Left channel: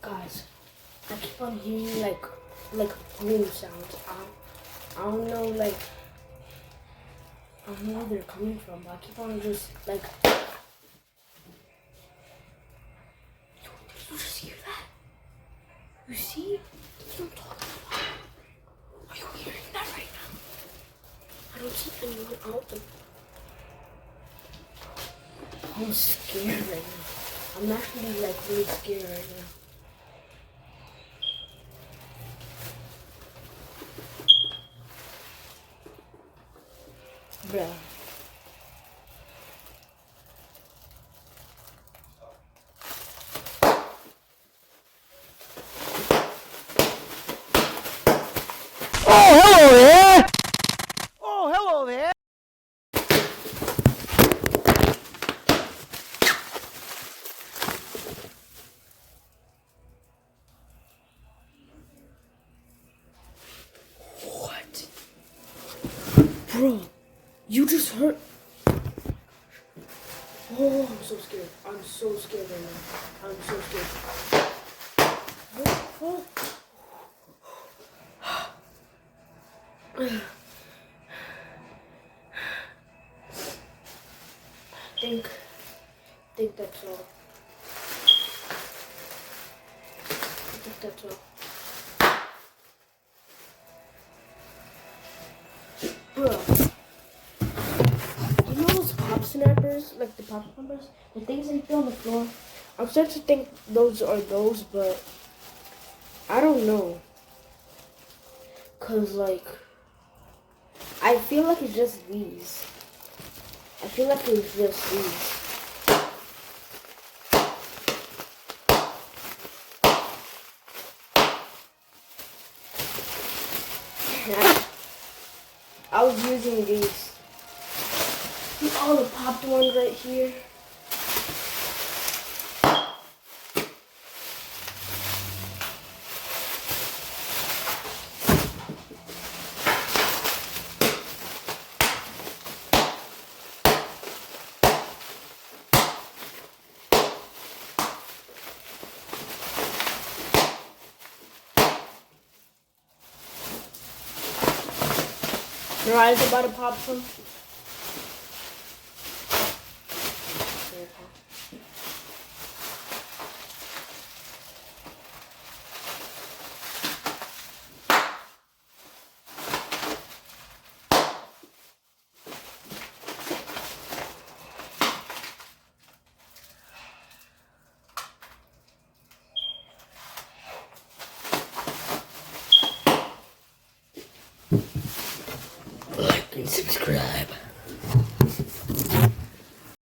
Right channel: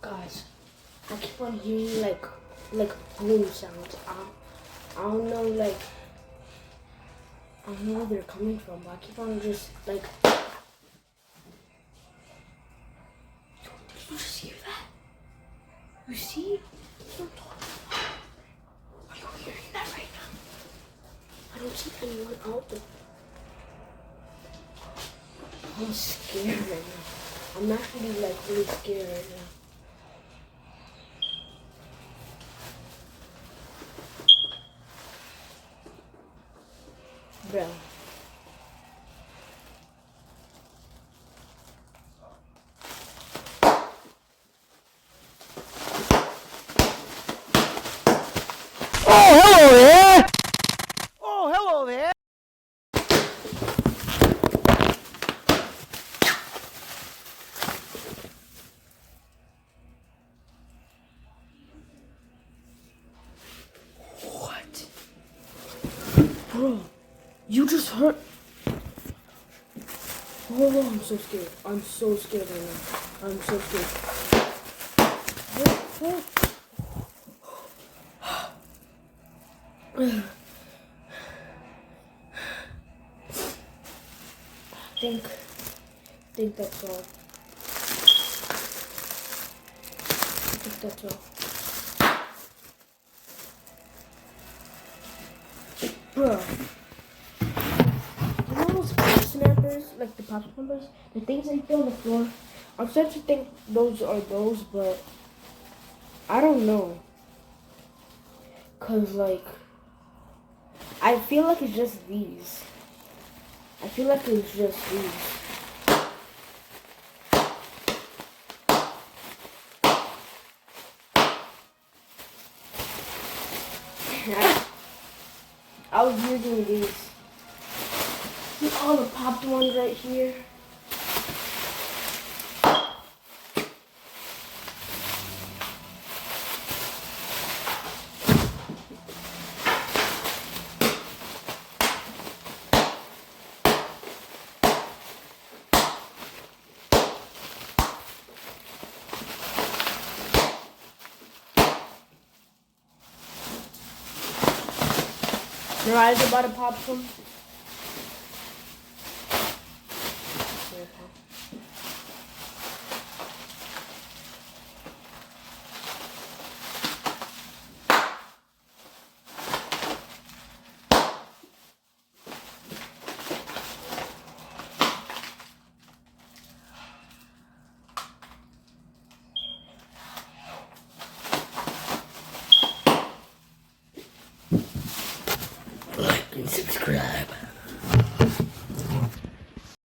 Guys, I keep on hearing like boom sounds. I don't know I don't know where they're coming from, but I keep on just like. Yo, did you just hear that? You see? That's what I'm talking about. Are you hearing that right now? I don't see anyone out there. I'm scared right now. I'm actually like really scared right now. Bruh. Oh, hello there! Oh, hello there! What? Bro, you just heard. Oh, I'm so scared. I'm so scared right now. I'm so scared. What? think that's all. I think that's all. Bro, you know those pop snappers, like the pop snappers, the things that you throw on the floor? I'm starting to think those are those, but I don't know. Cause like, I feel like it's just these. I feel like it's just these. I was using these. See all the popped ones right here? Mariah's about to pop some. Like and subscribe.